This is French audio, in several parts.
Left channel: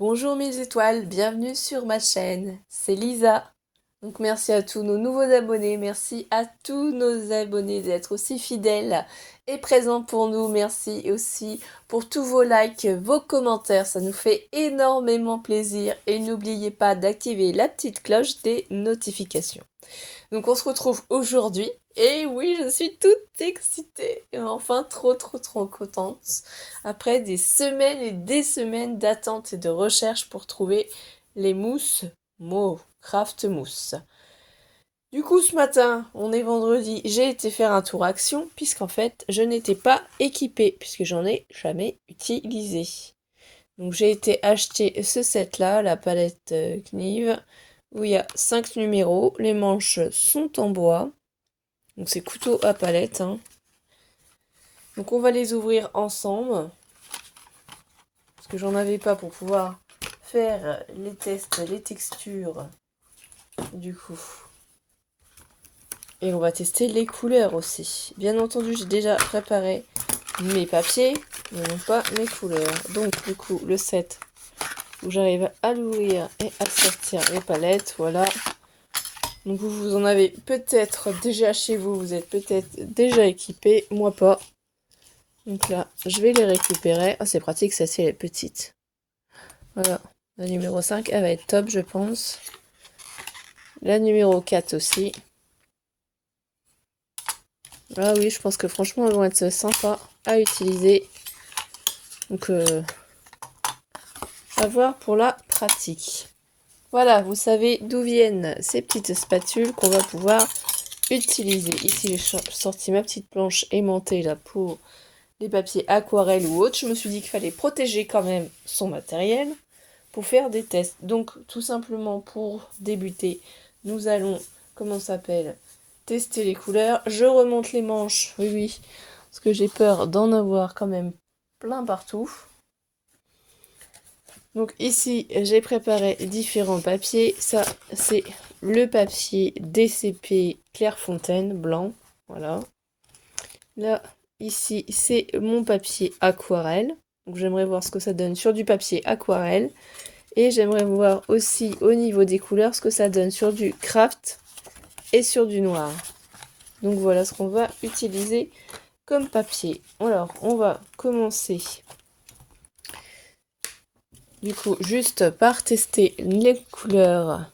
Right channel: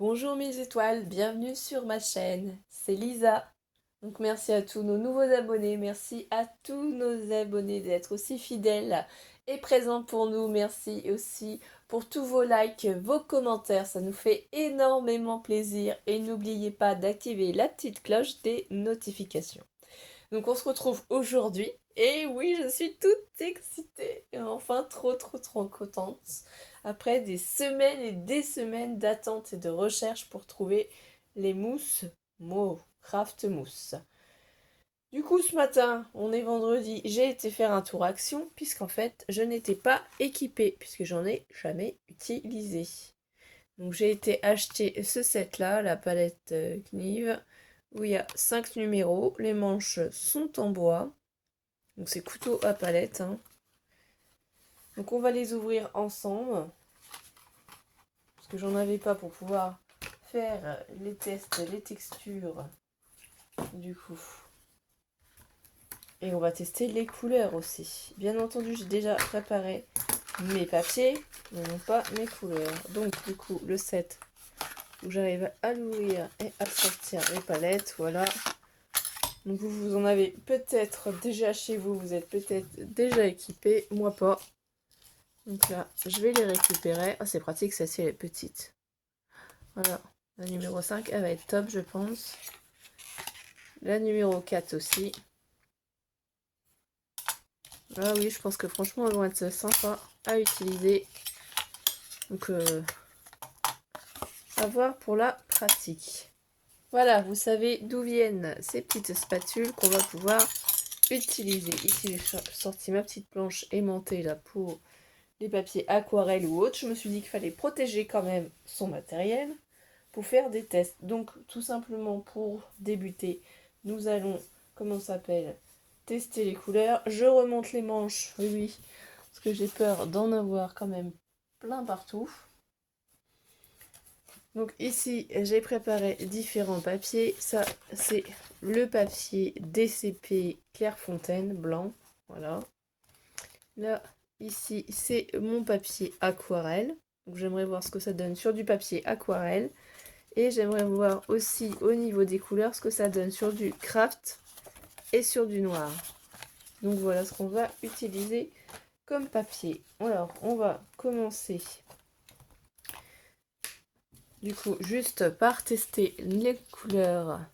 Bonjour mes étoiles, bienvenue sur ma chaîne, c'est Lisa. Donc merci à tous nos nouveaux abonnés, merci à tous nos abonnés d'être aussi fidèles et présents pour nous. Merci aussi pour tous vos likes, vos commentaires, ça nous fait énormément plaisir. Et n'oubliez pas d'activer la petite cloche des notifications. Donc on se retrouve aujourd'hui. Et oui, je suis toute excitée. Et enfin, trop contente. Après des semaines et des semaines d'attente et de recherche pour trouver les mousses Mo Craft Mousse. Du coup, ce matin, on est vendredi, j'ai été faire un tour action, puisqu'en fait, je n'étais pas équipée, puisque j'en ai jamais utilisé. Donc j'ai été acheter ce set-là, la palette Kniv, où il y a 5 numéros. Les manches sont en bois. Donc c'est couteau à palette. Hein. Donc on va les ouvrir ensemble. Parce que j'en avais pas pour pouvoir faire les tests, les textures. Du coup. Et on va tester les couleurs aussi. Bien entendu, j'ai déjà préparé mes papiers, mais non pas mes couleurs. Donc du coup, le set où j'arrive à l'ouvrir et à sortir les palettes, voilà. Donc vous en avez peut-être déjà chez vous, vous êtes peut-être déjà équipé, moi pas. Donc là, je vais les récupérer. Ah, c'est pratique, ça c'est les petites. Voilà, la numéro 5, elle va être top, je pense. La numéro 4 aussi. Ah oui, je pense que franchement, elles vont être sympas à utiliser. Donc, à voir pour la pratique. Voilà, vous savez d'où viennent ces petites spatules qu'on va pouvoir utiliser. Ici, j'ai sorti ma petite planche aimantée là pour les papiers aquarelle ou autres. Je me suis dit qu'il fallait protéger quand même son matériel pour faire des tests. Donc, tout simplement pour débuter, nous allons, comment ça s'appelle, tester les couleurs. Je remonte les manches, oui, parce que j'ai peur d'en avoir quand même plein partout. Donc ici, j'ai préparé différents papiers. Ça, c'est le papier DCP Clairefontaine blanc. Voilà. Là, ici, c'est mon papier aquarelle. Donc j'aimerais voir ce que ça donne sur du papier aquarelle. Et j'aimerais voir aussi au niveau des couleurs ce que ça donne sur du craft et sur du noir. Donc voilà ce qu'on va utiliser comme papier. Alors, on va commencer du coup juste par tester les couleurs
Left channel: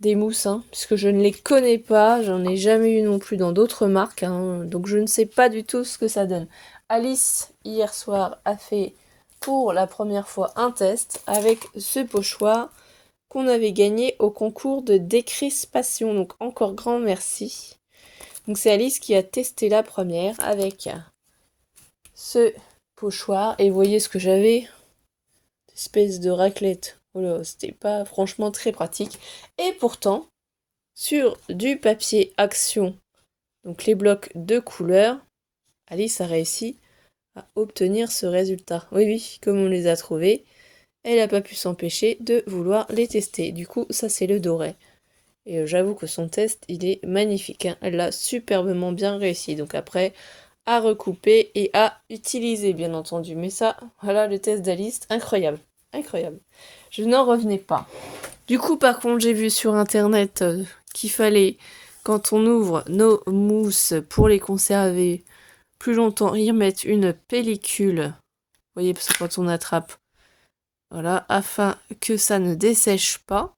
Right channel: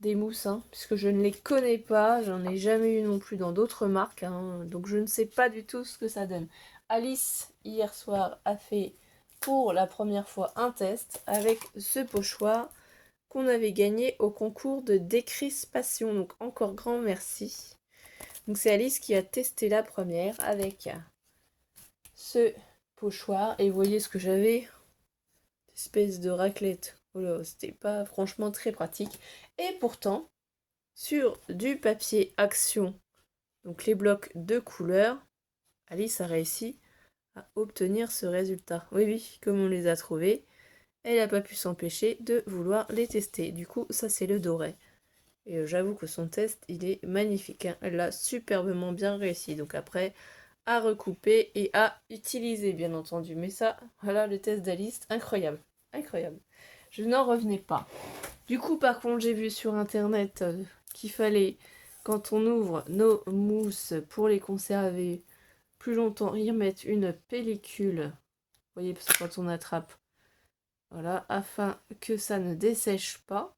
des mousses, hein, puisque je ne les connais pas, j'en ai jamais eu non plus dans d'autres marques, hein, donc je ne sais pas du tout ce que ça donne. Alice, hier soir, a fait pour la première fois un test avec ce pochoir qu'on avait gagné au concours de décrispation, donc encore grand merci. Donc c'est Alice qui a testé la première avec ce pochoir, et vous voyez ce que j'avais, espèce de raclette. Voilà, c'était pas franchement très pratique. Et pourtant, sur du papier action, donc les blocs de couleurs, Alice a réussi à obtenir ce résultat. Oui, comme on les a trouvés, elle n'a pas pu s'empêcher de vouloir les tester. Du coup, ça c'est le doré. Et j'avoue que son test, il est magnifique. Hein. Elle l'a superbement bien réussi. Donc après, à recouper et à utiliser, bien entendu. Mais ça, voilà le test d'Alice, incroyable. Incroyable. Je n'en revenais pas. Du coup, par contre, j'ai vu sur internet qu'il fallait, quand on ouvre nos mousses pour les conserver plus longtemps, y remettre une pellicule. Vous voyez, parce que quand on attrape, voilà, afin que ça ne dessèche pas.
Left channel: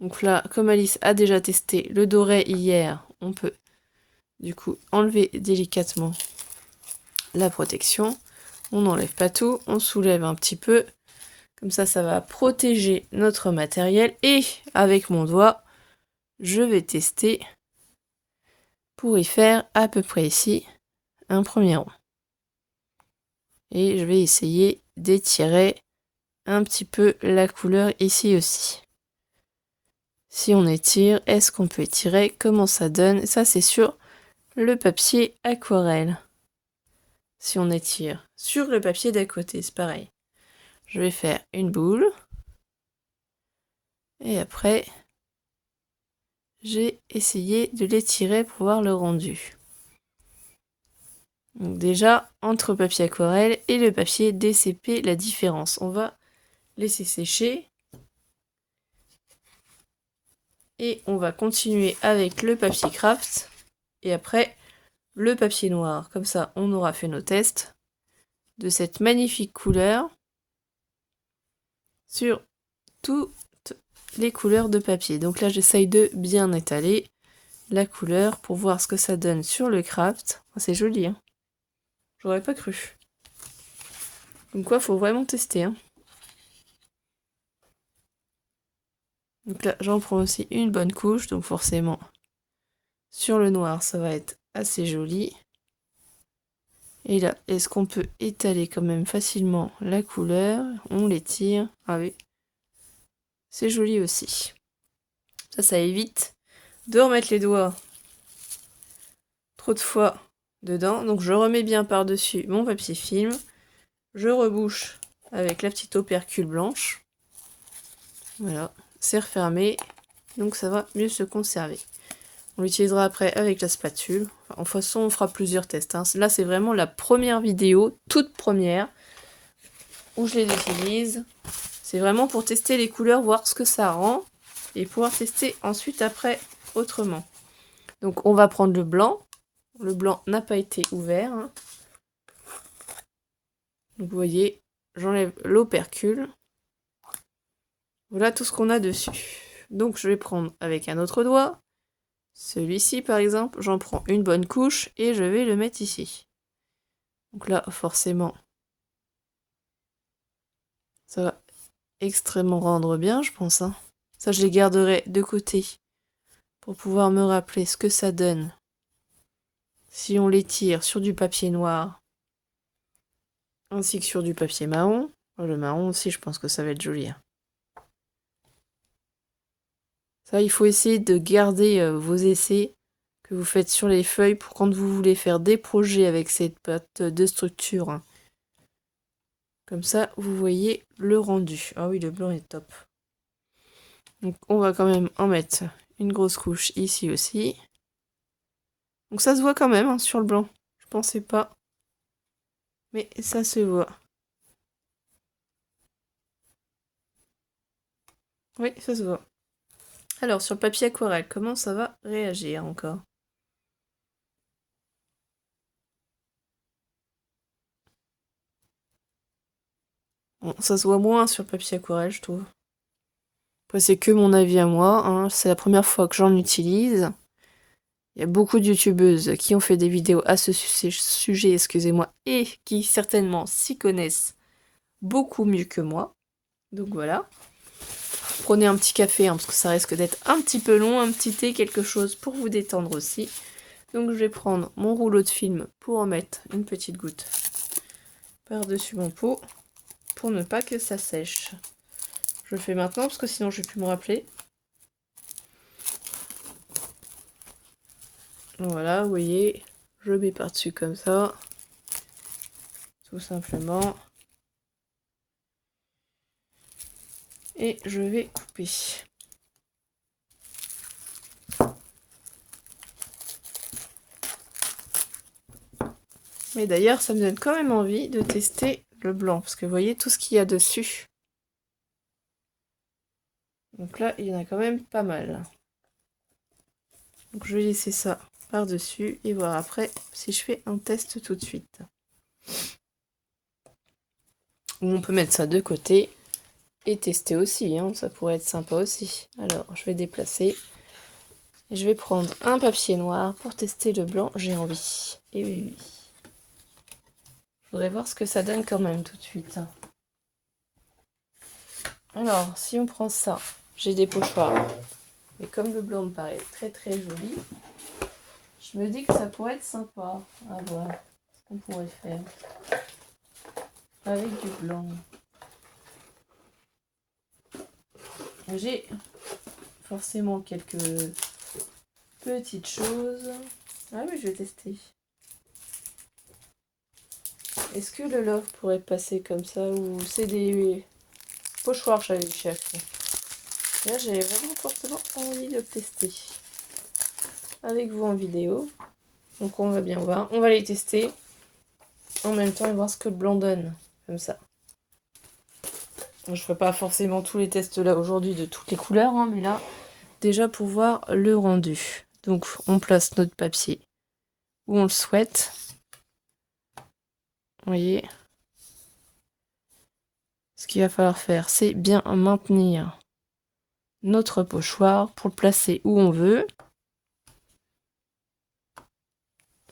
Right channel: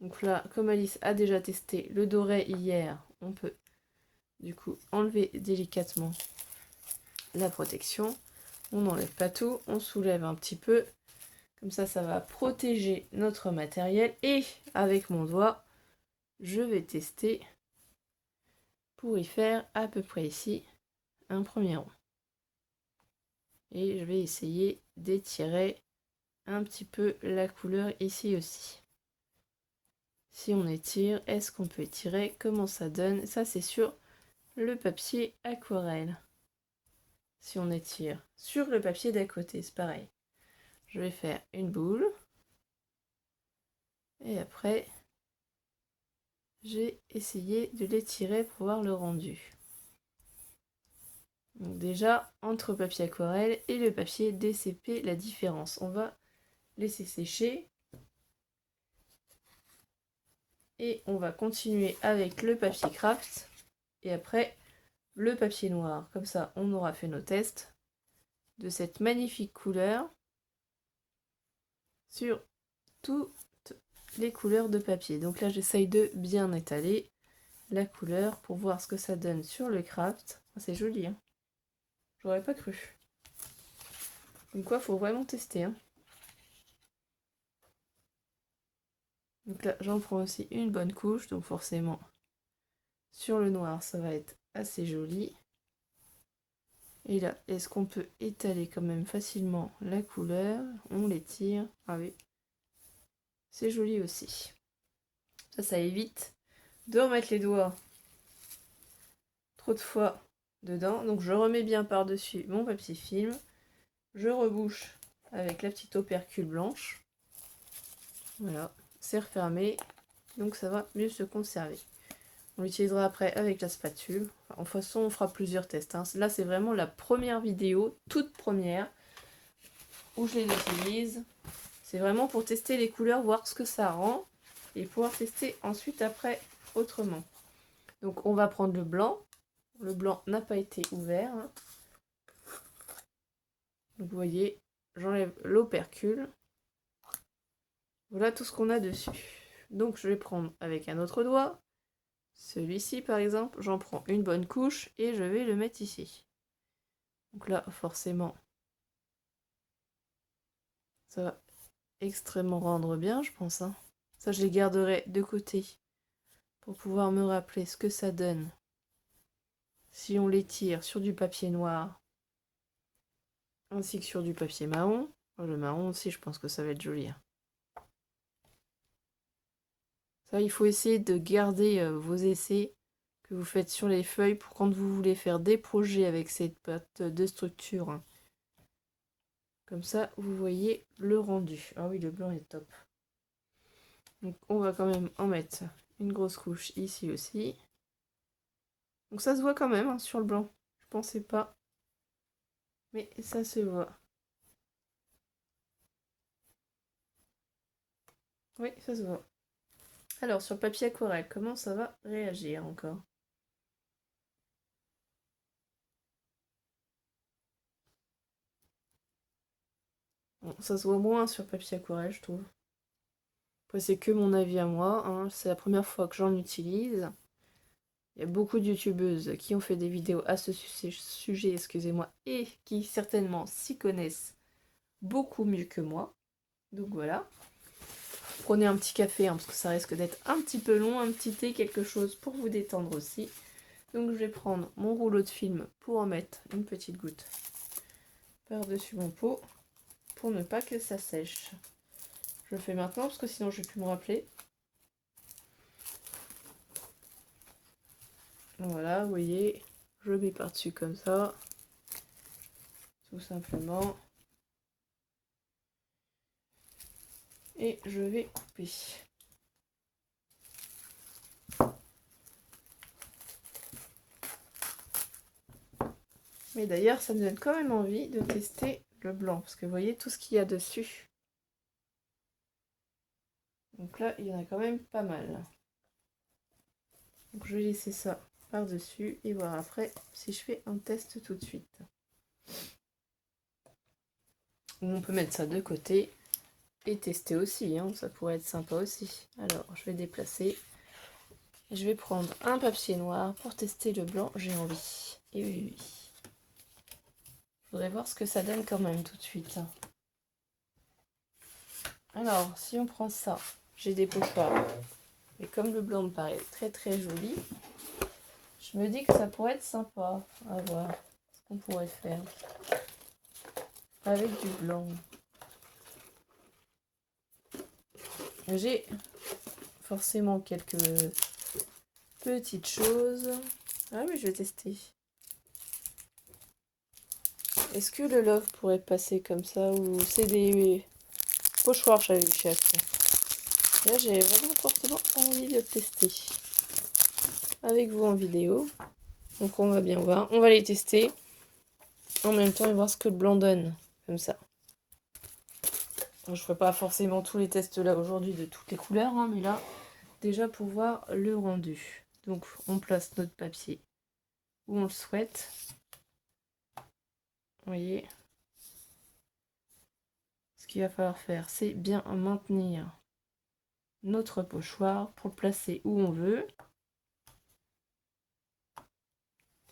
Donc là, comme Alice a déjà testé le doré hier, on peut du coup enlever délicatement la protection. On n'enlève pas tout, on soulève un petit peu. Comme ça va protéger notre matériel. Et avec mon doigt, je vais tester pour y faire à peu près ici un premier rond. Et je vais essayer d'étirer un petit peu la couleur ici aussi. Si on étire, est-ce qu'on peut étirer? Comment ça donne? Ça, c'est sur le papier aquarelle. Si on étire sur le papier d'à côté, c'est pareil. Je vais faire une boule. Et après, j'ai essayé de l'étirer pour voir le rendu. Donc déjà, entre le papier aquarelle et le papier DCP, la différence. On va laisser sécher. Et on va continuer avec le papier craft. Et après, le papier noir. Comme ça, on aura fait nos tests de cette magnifique couleur sur toutes les couleurs de papier. Donc là, j'essaye de bien étaler la couleur pour voir ce que ça donne sur le craft. Oh, c'est joli, hein. J'aurais pas cru. Donc quoi, faut vraiment tester, hein. Donc là, j'en prends aussi une bonne couche, donc forcément, sur le noir, ça va être assez joli. Et là, est-ce qu'on peut étaler quand même facilement la couleur? On l'étire. Ah oui, c'est joli aussi. Ça évite de remettre les doigts trop de fois dedans. Donc je remets bien par-dessus mon papier film. Je rebouche avec la petite opercule blanche. Voilà, c'est refermé. Donc ça va mieux se conserver. On l'utilisera après avec la spatule. En toute façon, on fera plusieurs tests, hein. Là, c'est vraiment la première vidéo, toute première, où je les utilise. C'est vraiment pour tester les couleurs, voir ce que ça rend, et pouvoir tester ensuite après autrement. Donc on va prendre le blanc. Le blanc n'a pas été ouvert, hein. Donc vous voyez, j'enlève l'opercule. Voilà tout ce qu'on a dessus. Donc je vais prendre avec un autre doigt. Celui-ci par exemple, j'en prends une bonne couche et je vais le mettre ici. Donc là forcément, ça va extrêmement rendre bien je pense, hein. Ça je les garderai de côté pour pouvoir me rappeler ce que ça donne si on les tire sur du papier noir ainsi que sur du papier marron. Le marron aussi, je pense que ça va être joli, hein. Ça, il faut essayer de garder vos essais que vous faites sur les feuilles pour quand vous voulez faire des projets avec cette pâte de structure, hein. Comme ça, vous voyez le rendu. Ah oui, le blanc est top. Donc, on va quand même en mettre une grosse couche ici aussi. Donc, ça se voit quand même, hein, sur le blanc. Je pensais pas. Mais ça se voit. Oui, ça se voit. Alors, sur le papier aquarelle, comment ça va réagir encore? Bon, ça se voit moins sur le papier aquarelle, je trouve. Après, c'est que mon avis à moi, hein. C'est la première fois que j'en utilise. Il y a beaucoup de youtubeuses qui ont fait des vidéos à ce sujet, excusez-moi, et qui certainement s'y connaissent beaucoup mieux que moi. Donc voilà. Prenez un petit café, hein, parce que ça risque d'être un petit peu long, un petit thé, quelque chose pour vous détendre aussi. Donc je vais prendre mon rouleau de film pour en mettre une petite goutte par-dessus mon pot, pour ne pas que ça sèche. Je le fais maintenant, parce que sinon je vais plus me rappeler. Voilà, vous voyez, je mets par-dessus comme ça, tout simplement. Et je vais couper. Mais d'ailleurs, ça me donne quand même envie de tester le blanc, parce que vous voyez tout ce qu'il y a dessus. Donc là, il y en a quand même pas mal. Donc je vais laisser ça par-dessus et voir après si je fais un test tout de suite. Ou on peut mettre ça de côté et tester aussi, hein, ça pourrait être sympa aussi. Alors, je vais déplacer. Je vais prendre un papier noir pour tester le blanc, j'ai envie. Et oui, oui. Je voudrais voir ce que ça donne quand même tout de suite. Alors, si on prend ça, j'ai des pochoirs. Et comme le blanc me paraît très très joli, je me dis que ça pourrait être sympa à voir ce qu'on pourrait faire avec du blanc. J'ai forcément quelques petites choses. Ah oui, je vais tester. Est-ce que le love pourrait passer comme ça ou c'est des pochoirs avec chaque? Là, j'avais vraiment forcément envie de le tester avec vous en vidéo. Donc on va bien voir. On va les tester. en même temps et voir ce que le blanc donne, comme ça. Je ne ferai pas forcément tous les tests là aujourd'hui de toutes les couleurs, hein, mais là, déjà pour voir le rendu. Donc on place notre papier où on le souhaite. Vous voyez. Ce qu'il va falloir faire, c'est bien maintenir notre pochoir pour le placer où on veut.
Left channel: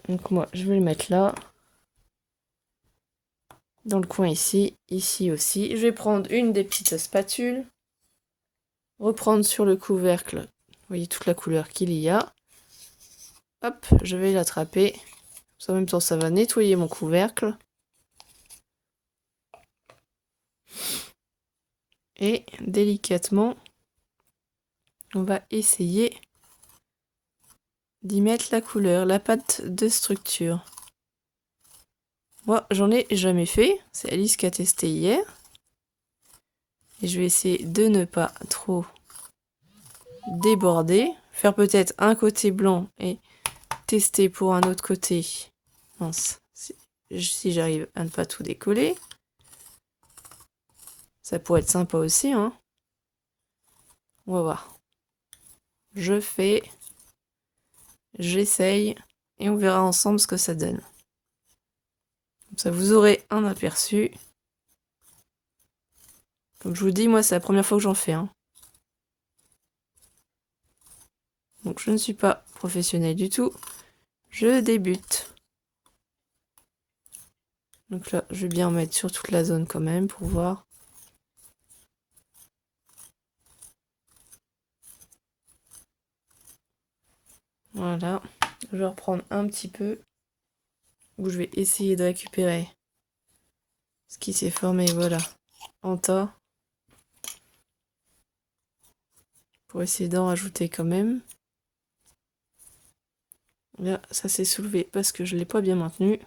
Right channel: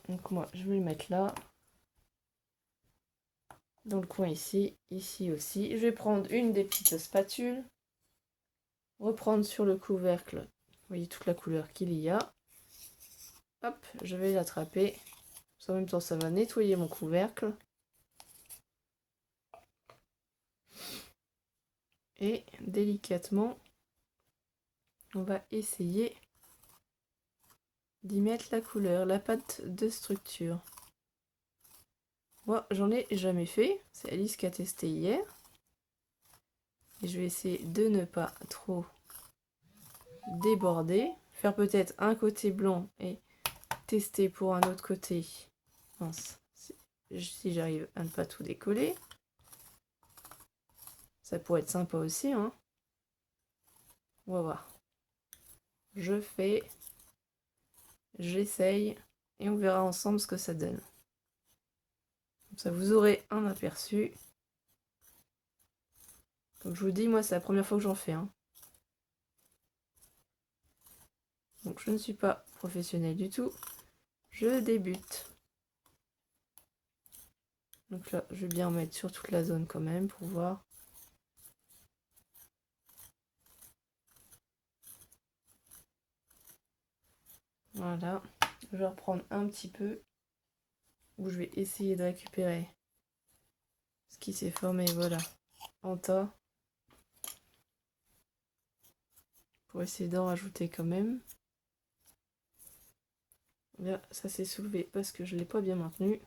Donc moi, je vais le mettre là. Dans le coin ici, ici aussi. Je vais prendre une des petites spatules. Reprendre sur le couvercle. Vous voyez toute la couleur qu'il y a. Hop, je vais l'attraper. En même temps, ça va nettoyer mon couvercle. Et délicatement, on va essayer d'y mettre la couleur, la pâte de structure. Moi, j'en ai jamais fait. C'est Alice qui a testé hier. Et je vais essayer de ne pas trop déborder. Faire peut-être un côté blanc et tester pour un autre côté. Mince. Si j'arrive à ne pas tout décoller. Ça pourrait être sympa aussi, hein. On va voir. Je fais. J'essaye. Et on verra ensemble ce que ça donne. Comme ça, vous aurez un aperçu. Comme je vous dis, moi, c'est la première fois que j'en fais, hein. Donc, je ne suis pas professionnelle du tout. Je débute. Donc là, je vais bien mettre sur toute la zone quand même pour voir. Voilà. Je vais reprendre un petit peu. Où je vais essayer de récupérer ce qui s'est formé, voilà, en tas. Pour essayer d'en rajouter quand même. Là, ça s'est soulevé parce que je ne l'ai pas bien maintenu.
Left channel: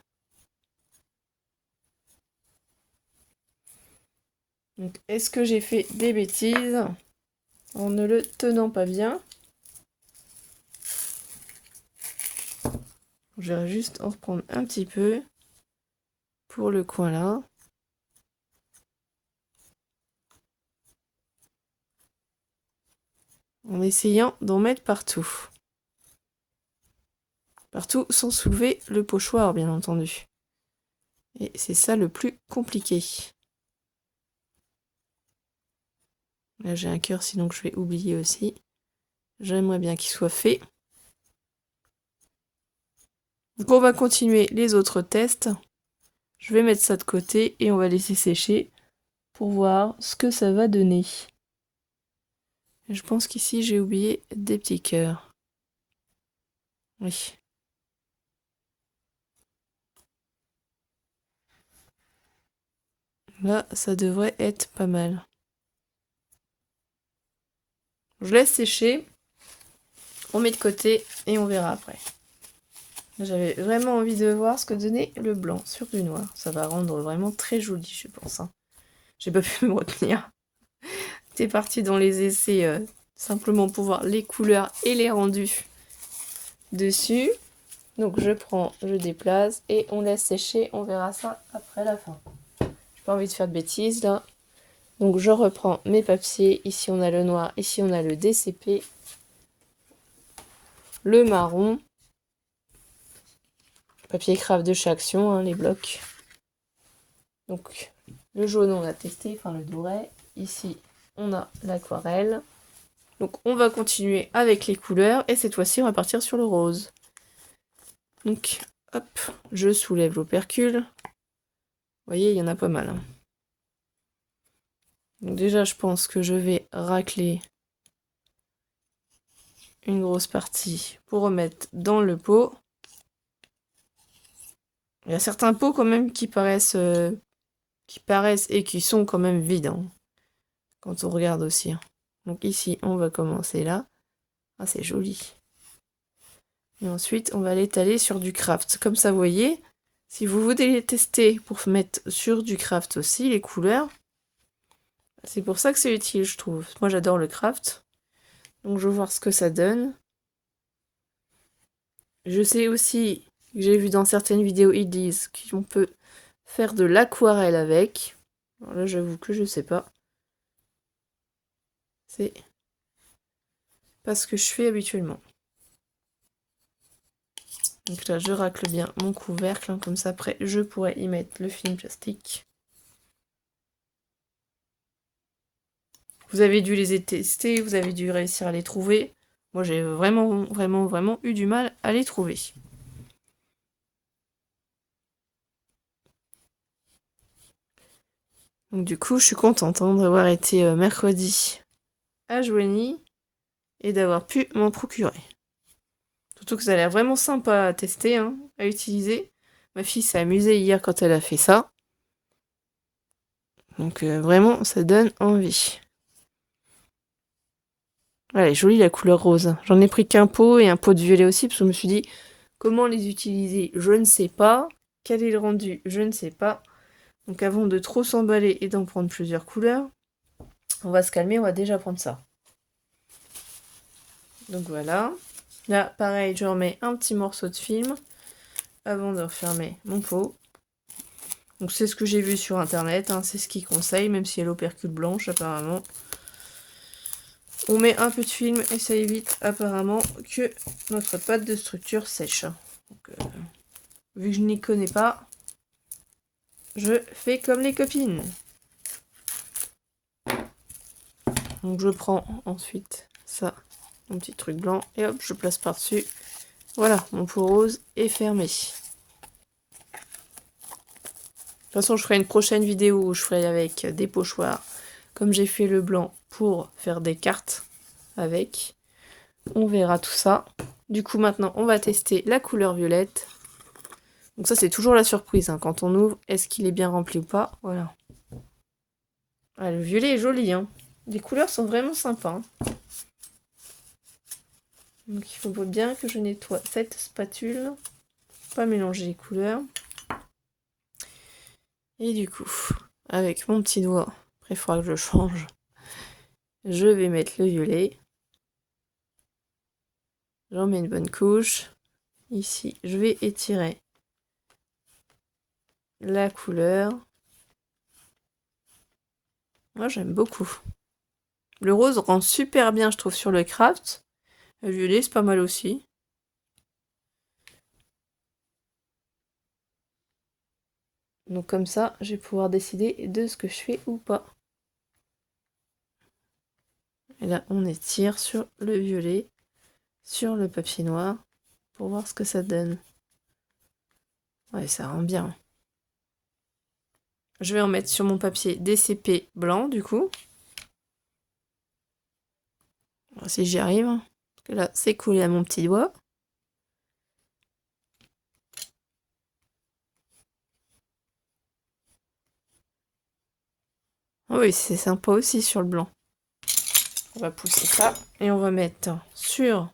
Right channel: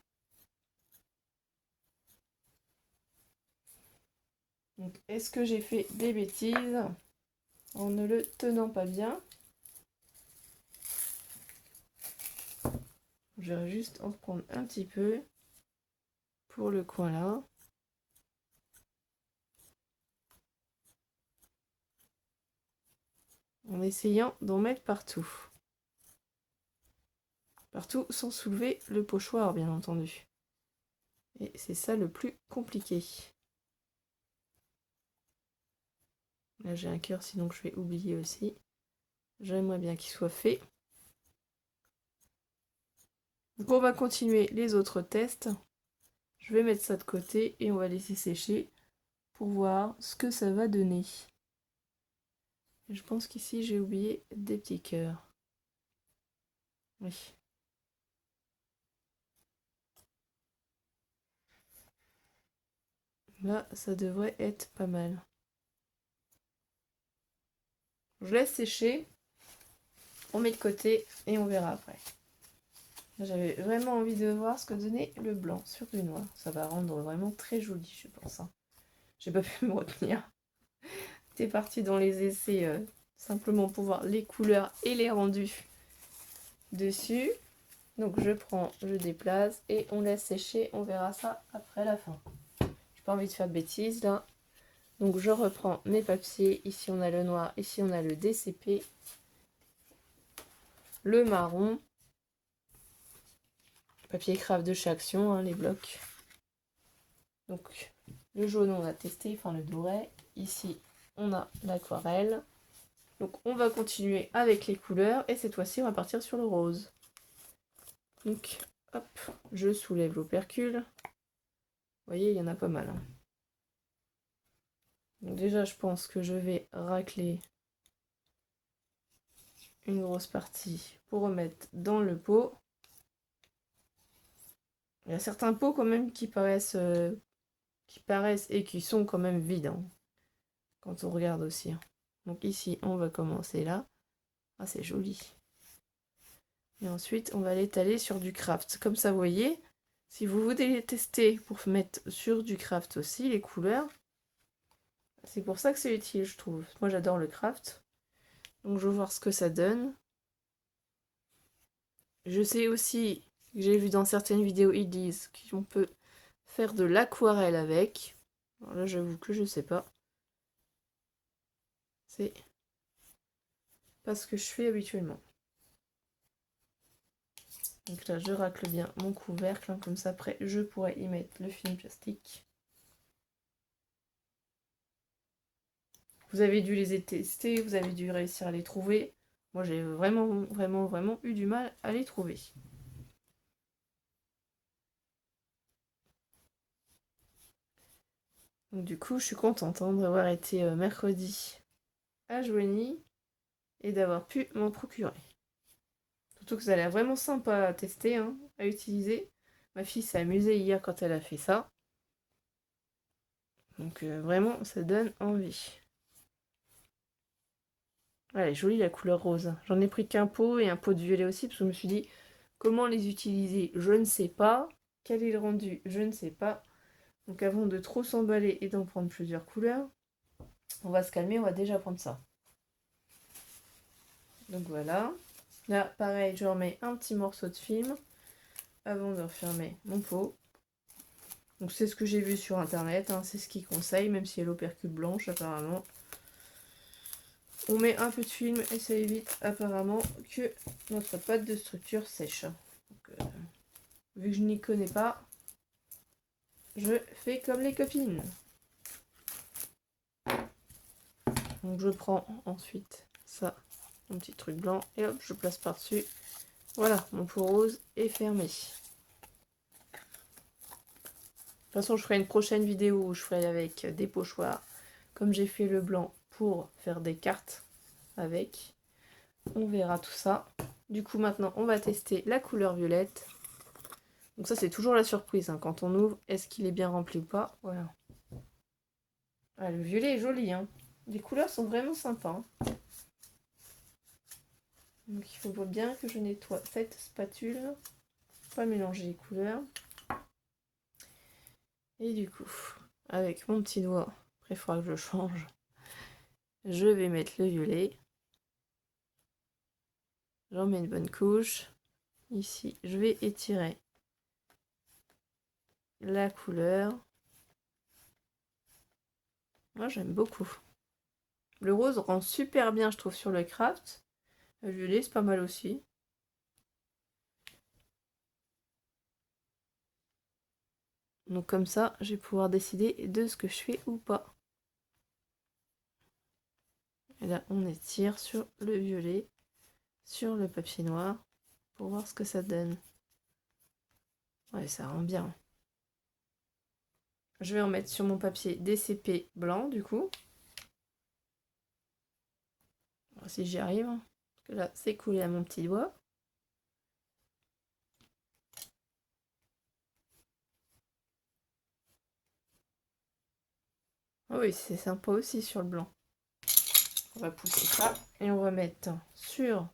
Donc, est-ce que j'ai fait des bêtises en ne le tenant pas bien? Je vais juste en reprendre un petit peu pour le coin là. En essayant d'en mettre partout. Partout sans soulever le pochoir, bien entendu. Et c'est ça le plus compliqué. Là, j'ai un cœur, sinon que je vais oublier aussi. J'aimerais bien qu'il soit fait. Donc on va continuer les autres tests. Je vais mettre ça de côté et on va laisser sécher pour voir ce que ça va donner. Et je pense qu'ici j'ai oublié des petits cœurs. Oui. Là, ça devrait être pas mal. Je laisse sécher. On met de côté et on verra après. J'avais vraiment envie de voir ce que donnait le blanc sur du noir. Ça va rendre vraiment très joli, je pense, hein. J'ai pas pu me retenir. J'étais partie dans les essais simplement pour voir les couleurs et les rendus dessus. Donc je prends, je déplace et on laisse sécher. On verra ça après la fin. J'ai pas envie de faire de bêtises là. Donc je reprends mes papiers. Ici on a le noir, ici on a le DCP. Le marron. Papier craft de chez Action, hein, les blocs. Donc le jaune on a testé, enfin le doré. Ici on a l'aquarelle. Donc on va continuer avec les couleurs et cette fois-ci on va partir sur le rose. Donc hop, je soulève l'opercule. Vous voyez, il y en a pas mal, hein. Donc déjà je pense que je vais racler une grosse partie pour remettre dans le pot. Il y a certains pots quand même qui paraissent et qui sont quand même vides, hein, quand on regarde aussi, hein. Donc ici, on va commencer là. Ah, c'est joli. Et ensuite, on va l'étaler sur du craft. Comme ça, vous voyez, si vous voulez les tester pour mettre sur du craft aussi, les couleurs, c'est pour ça que c'est utile, je trouve. Moi, j'adore le craft. Donc, je vais voir ce que ça donne. Je sais aussi, que j'ai vu dans certaines vidéos, ils disent qu'on peut faire de l'aquarelle avec. Alors là, j'avoue que je sais pas. C'est pas ce que je fais habituellement. Donc là, je racle bien mon couvercle, hein, comme ça après, je pourrais y mettre le film plastique. Vous avez dû les tester, vous avez dû réussir à les trouver. Moi, j'ai vraiment eu du mal à les trouver. Donc du coup, je suis contente d'avoir été mercredi à Joigny et d'avoir pu m'en procurer. Surtout que ça a l'air vraiment sympa à tester, hein, à utiliser. Ma fille s'est amusée hier quand elle a fait ça. Donc vraiment, ça donne envie. Elle est jolie la couleur rose. J'en ai pris qu'un pot et un pot de violet aussi, parce que je me suis dit, comment les utiliser, je ne sais pas. Quel est le rendu, je ne sais pas. Donc avant de trop s'emballer et d'en prendre plusieurs couleurs, on va se calmer, on va déjà prendre ça. Donc voilà. Là, pareil, je remets un petit morceau de film avant de refermer mon pot. Donc c'est ce que j'ai vu sur internet, hein, c'est ce qu'ils conseillent, même si elle a l'opercule blanche apparemment. On met un peu de film et ça évite apparemment que notre pâte de structure sèche. Donc, vu que je n'y connais pas, je fais comme les copines. Donc je prends ensuite ça, mon petit truc blanc, et hop, je place par-dessus. Voilà, mon pot rose est fermé. De toute façon, je ferai une prochaine vidéo où je ferai avec des pochoirs, comme j'ai fait le blanc pour faire des cartes avec. On verra tout ça. Du coup, maintenant, on va tester la couleur violette. Donc ça, c'est toujours la surprise, hein. Quand on ouvre, est-ce qu'il est bien rempli ou pas? Voilà. Ah, le violet est joli, hein. Les couleurs sont vraiment sympas, hein. Donc il faut bien que je nettoie cette spatule. Pas mélanger les couleurs. Et du coup, avec mon petit doigt, après il faudra que je change, je vais mettre le violet. J'en mets une bonne couche. Ici, je vais étirer la couleur. Moi, j'aime beaucoup. Le rose rend super bien, je trouve, sur le craft. Le violet, c'est pas mal aussi. Donc comme ça, je vais pouvoir décider de ce que je fais ou pas. Et là, on étire sur le violet, sur le papier noir, pour voir ce que ça donne. Ouais, ça rend bien. Je vais en mettre sur mon papier DCP blanc, du coup. On va voir si j'y arrive. Parce que là, c'est collé à mon petit doigt. Oui, c'est sympa aussi sur le blanc. On va pousser ça et on va mettre sur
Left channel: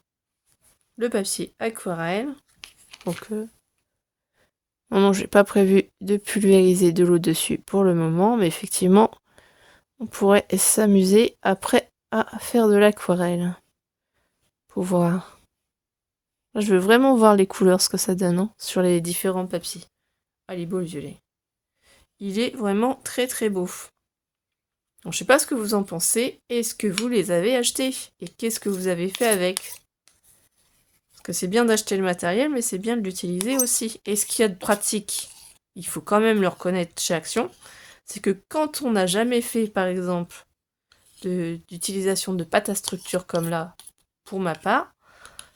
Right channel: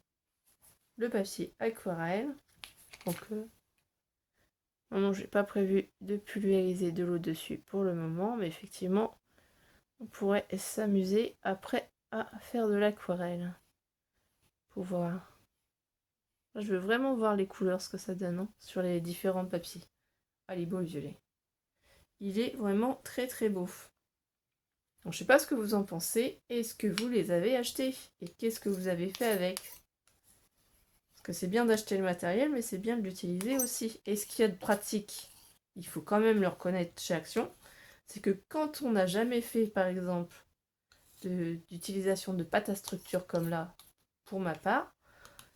le papier aquarelle. Donc, non, j'ai pas prévu de pulvériser de l'eau dessus pour le moment, mais effectivement, on pourrait s'amuser après à faire de l'aquarelle. Pour voir. Là, je veux vraiment voir les couleurs, ce que ça donne, hein, sur les différents papiers. Ah, il est beau le violet. Il est vraiment très très beau. Donc, je sais pas ce que vous en pensez. Est-ce que vous les avez achetés? Et qu'est-ce que vous avez fait avec? Parce que c'est bien d'acheter le matériel, mais c'est bien de l'utiliser aussi. Et ce qu'il y a de pratique, il faut quand même le reconnaître chez Action, c'est que quand on n'a jamais fait, par exemple, d'utilisation de pâte à structure comme là, pour ma part,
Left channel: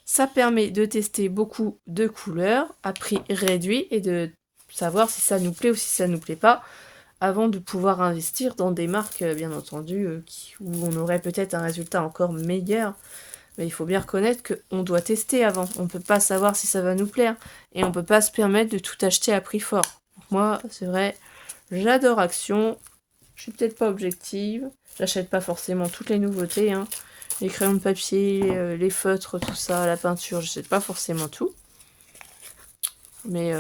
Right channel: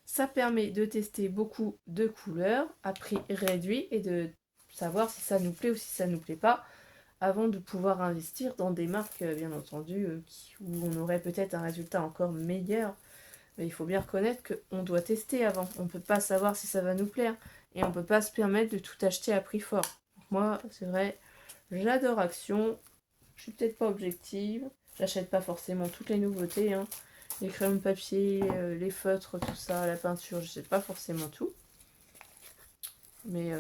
ça permet de tester beaucoup de couleurs à prix réduit et de savoir si ça nous plaît ou si ça nous plaît pas, avant de pouvoir investir dans des marques, bien entendu, où on aurait peut-être un résultat encore meilleur. Mais il faut bien reconnaître qu'on doit tester avant. On ne peut pas savoir si ça va nous plaire. Et on ne peut pas se permettre de tout acheter à prix fort. Donc moi, c'est vrai, j'adore Action. Je suis peut-être pas objective. J'achète pas forcément toutes les nouveautés, hein. Les crayons de papier, les feutres, tout ça, la peinture, j'achète pas forcément tout. Mais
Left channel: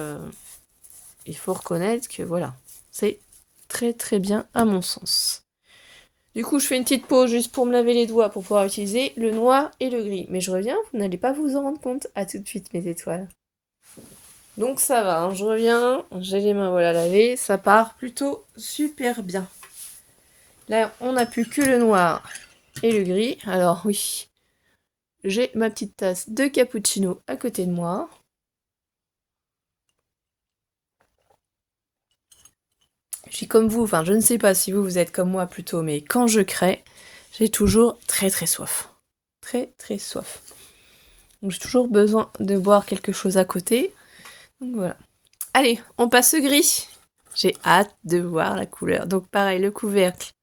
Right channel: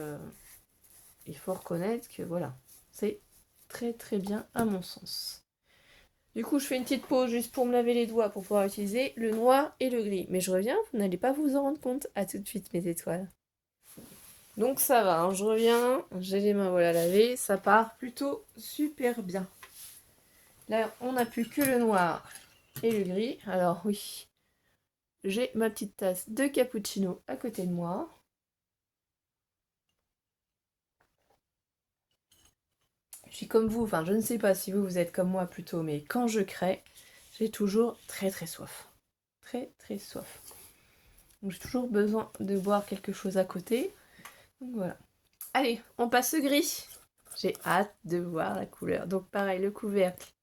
il faut reconnaître que voilà, c'est très très bien à mon sens. Du coup, je fais une petite pause juste pour me laver les doigts pour pouvoir utiliser le noir et le gris. Mais je reviens, vous n'allez pas vous en rendre compte. À tout de suite, mes étoiles. Donc ça va, hein, je reviens, j'ai les mains voilà lavées, ça part plutôt super bien. Là, on n'a plus que le noir et le gris. Alors oui, j'ai ma petite tasse de cappuccino à côté de moi. Je suis comme vous, enfin je ne sais pas si vous êtes comme moi plutôt, mais quand je crée, j'ai toujours très très soif. Très très soif. Donc j'ai toujours besoin de boire quelque chose à côté. Donc voilà. Allez, on passe au gris. J'ai hâte de voir la couleur. Donc pareil, le couvercle.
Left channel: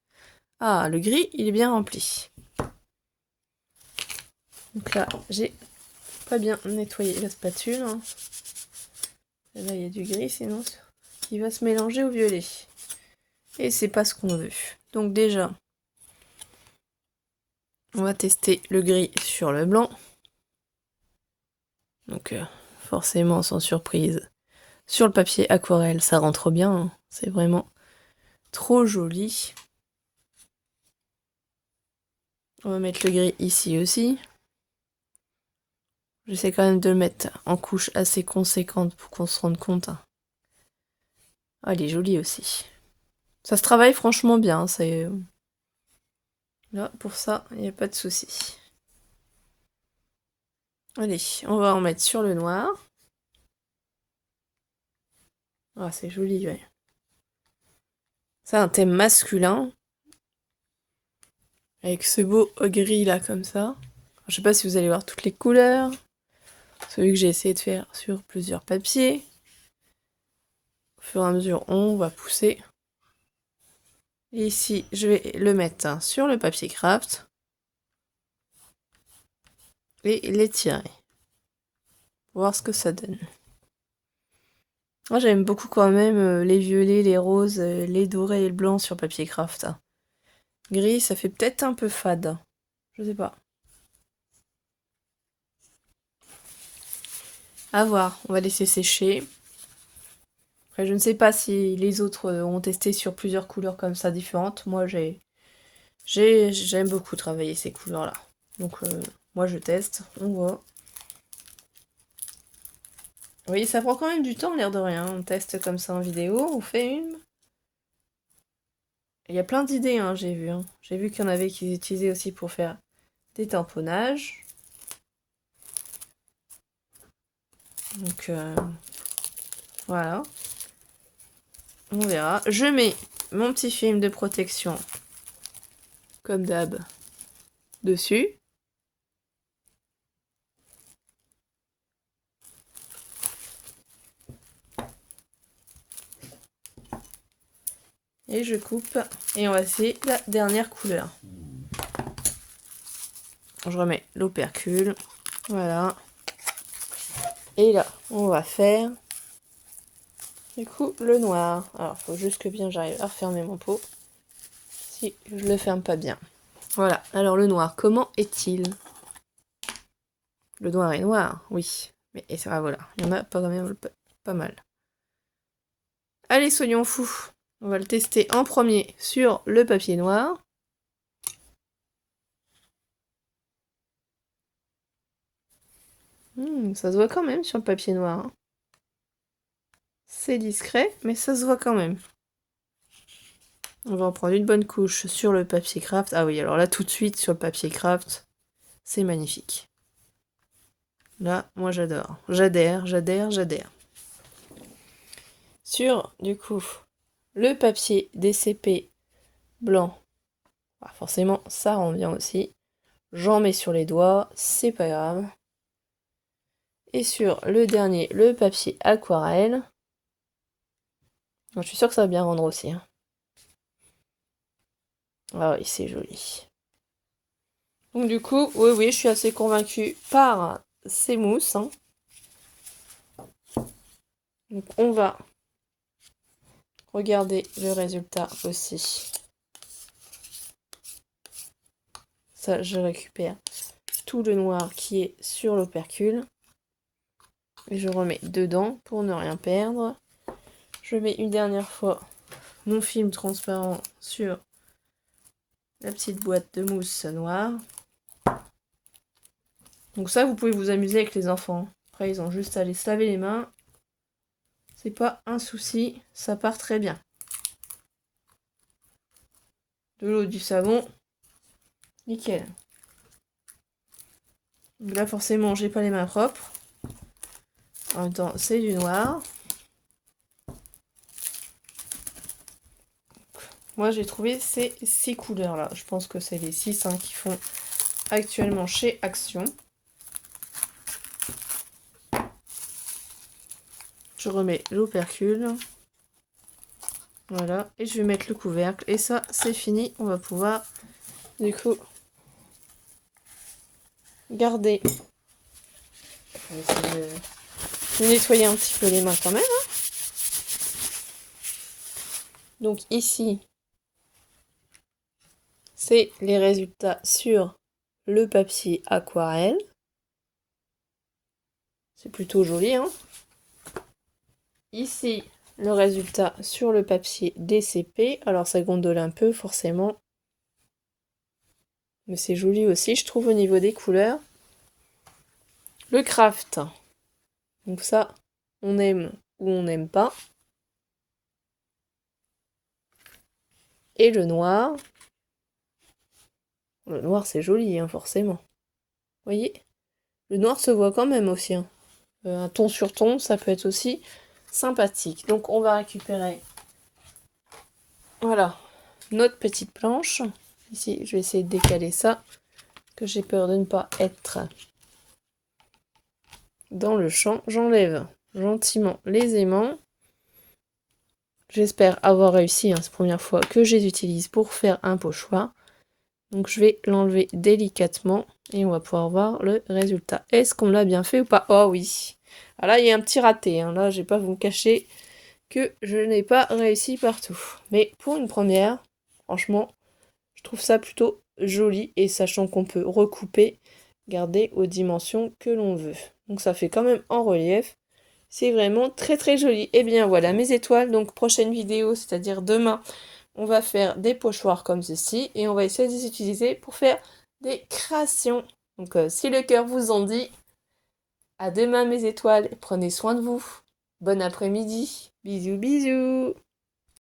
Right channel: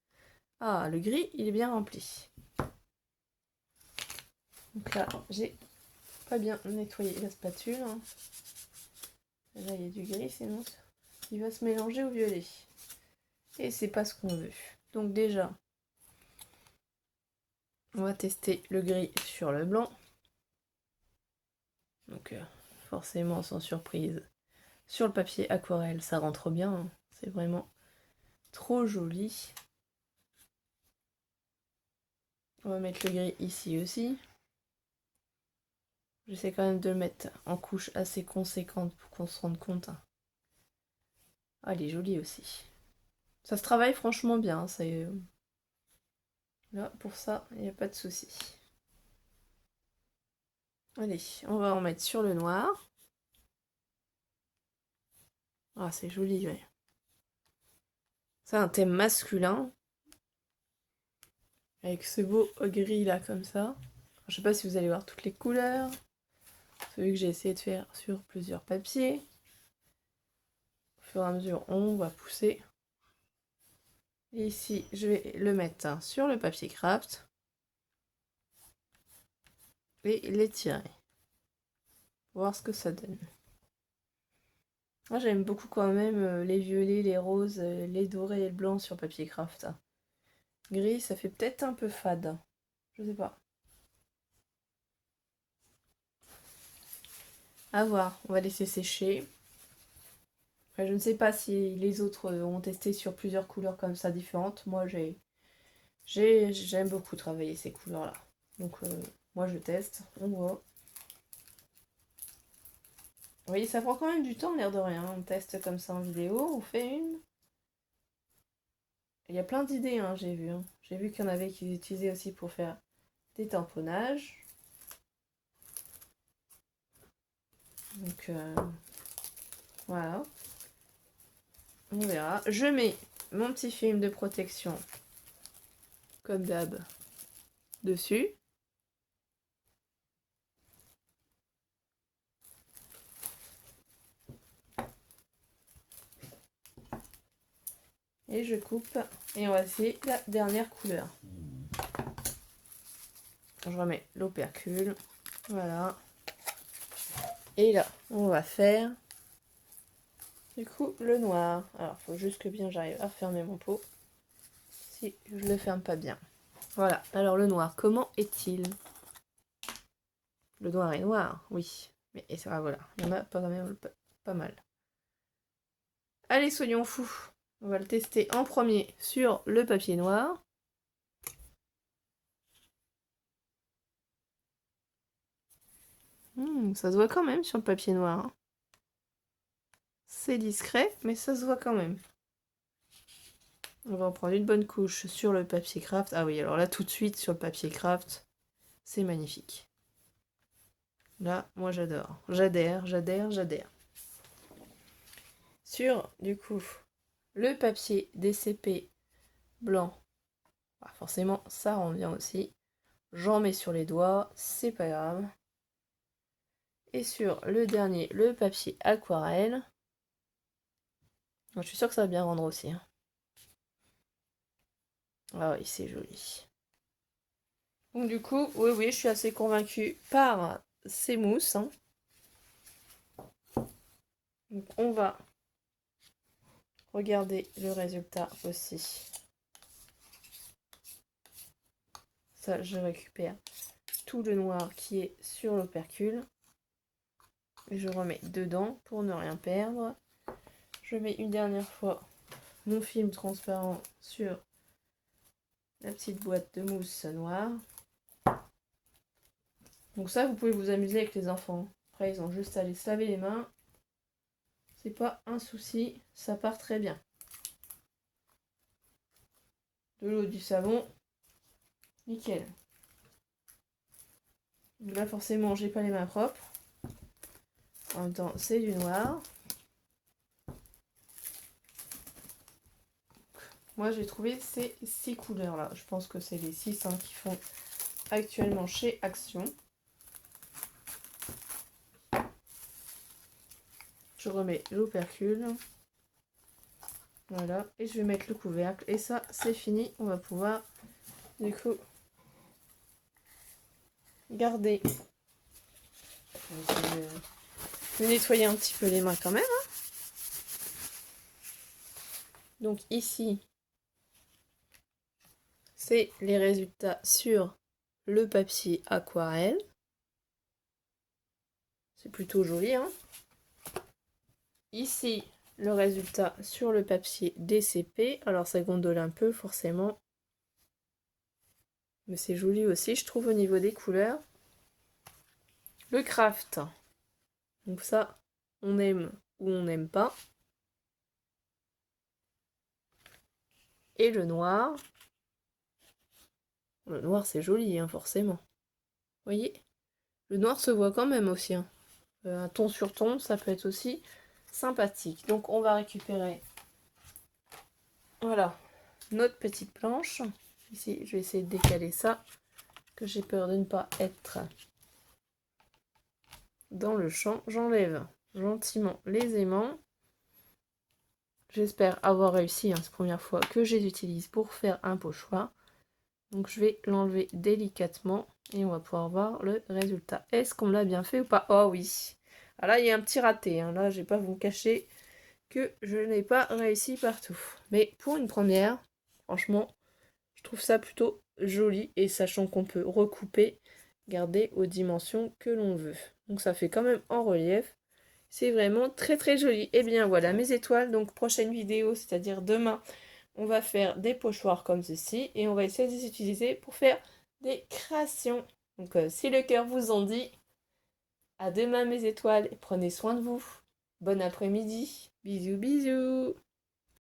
Ah, le gris, il est bien rempli. Donc là, j'ai pas bien nettoyé la spatule. Hein. Là, il y a du gris, sinon il va se mélanger au violet. Et c'est pas ce qu'on veut. Donc déjà, on va tester le gris sur le blanc. Donc forcément, sans surprise. Sur le papier aquarelle, ça rentre bien. Hein. C'est vraiment trop joli. On va mettre le gris ici aussi. J'essaie quand même de le mettre en couche assez conséquente pour qu'on se rende compte. Ah, il est joli aussi. Ça se travaille franchement bien. C'est là, pour ça, il n'y a pas de souci. Allez, on va en mettre sur le noir. Ah, c'est joli, ouais. C'est un thème masculin. Avec ce beau gris là, comme ça. Je sais pas si vous allez voir toutes les couleurs. Celui que j'ai essayé de faire sur plusieurs papiers. Au fur et à mesure, on va pousser. Et ici, je vais le mettre sur le papier craft. Et l'étirer. Pour voir ce que ça donne. Moi, j'aime beaucoup quand même les violets, les roses, les dorés et le blanc sur papier craft. Gris, ça fait peut-être un peu fade. Je sais pas. À voir, on va laisser sécher. Après, je ne sais pas si les autres ont testé sur plusieurs couleurs comme ça différentes. Moi, j'aime beaucoup travailler ces couleurs-là. Donc, moi, je teste. On voit. Oui, ça prend quand même du temps, l'air de rien. On teste comme ça en vidéo. On fait une. Il y a plein d'idées, hein, j'ai vu. Hein. J'ai vu qu'il y en avait qui utilisaient aussi pour faire des tamponnages. Donc, voilà. On verra. Je mets mon petit film de protection, comme d'hab, dessus. Et je coupe. Et on va essayer la dernière couleur. Je remets l'opercule. Voilà. Et là, on va faire du coup le noir. Alors, il faut juste que bien j'arrive à refermer mon pot. Si je le ferme pas bien. Voilà. Alors le noir, comment est-il? Le noir est noir, oui. Mais et ça, voilà. Il y en a pas, quand même, pas mal. Allez, soyons fous. On va le tester en premier sur le papier noir. Ça se voit quand même sur le papier noir. Hein. C'est discret, mais ça se voit quand même. On va en prendre une bonne couche sur le papier craft. Ah oui, alors là, tout de suite, sur le papier craft, c'est magnifique. Là, moi, j'adore. J'adhère. Sur, du coup, le papier DCP blanc, bah, forcément, ça rend bien aussi. J'en mets sur les doigts, c'est pas grave. Et sur le dernier, le papier aquarelle. Je suis sûre que ça va bien rendre aussi. Hein. Ah oui, c'est joli. Donc du coup, oui, je suis assez convaincue par ces mousses. Hein. Donc on va regarder le résultat aussi. Ça, je récupère tout le noir qui est sur l'opercule. Et je remets dedans pour ne rien perdre. Je mets une dernière fois mon film transparent sur la petite boîte de mousse noire. Donc ça, vous pouvez vous amuser avec les enfants. Après, ils ont juste à aller se laver les mains c'est pas un souci, ça part très bien. De l'eau, du savon, nickel. Donc là, forcément, j'ai pas les mains propres. En même temps, c'est du noir. Moi, j'ai trouvé ces 6 couleurs-là. Je pense que c'est les 6 qui font actuellement chez Action. Je remets l'opercule. Voilà. Et je vais mettre le couvercle. Et ça, c'est fini. On va pouvoir, du coup, garder. Je vais essayer de nettoyer un petit peu les mains quand même. Donc ici, c'est les résultats sur le papier aquarelle. C'est plutôt joli, hein. Ici, le résultat sur le papier DCP. Alors ça gondole un peu, forcément. Mais c'est joli aussi, je trouve, au niveau des couleurs. Le craft. Donc ça, on aime ou on n'aime pas. Et le noir. Le noir, c'est joli, hein, forcément. Vous voyez? Le noir se voit quand même aussi, hein. Un ton sur ton, ça peut être aussi sympathique. Donc on va récupérer, voilà, notre petite planche. Ici, je vais essayer de décaler ça, que j'ai peur de ne pas être dans le champ. J'enlève gentiment les aimants. J'espère avoir réussi, hein, c'est la première fois que je les utilise pour faire un pochoir. Donc je vais l'enlever délicatement et on va pouvoir voir le résultat. Est-ce qu'on l'a bien fait ou pas? Oh oui. Ah là, il y a un petit raté, hein. Là, je vais pas vous cacher que je n'ai pas réussi partout. Mais pour une première, franchement, je trouve ça plutôt joli. Et sachant qu'on peut recouper, garder aux dimensions que l'on veut. Donc ça fait quand même en relief. C'est vraiment très très joli. Et bien voilà mes étoiles. Donc prochaine vidéo, c'est-à-dire demain, on va faire des pochoirs comme ceci. Et on va essayer de les utiliser pour faire des créations. Donc si le cœur vous en dit, à demain mes étoiles. Prenez soin de vous. Bon après-midi. Bisous bisous.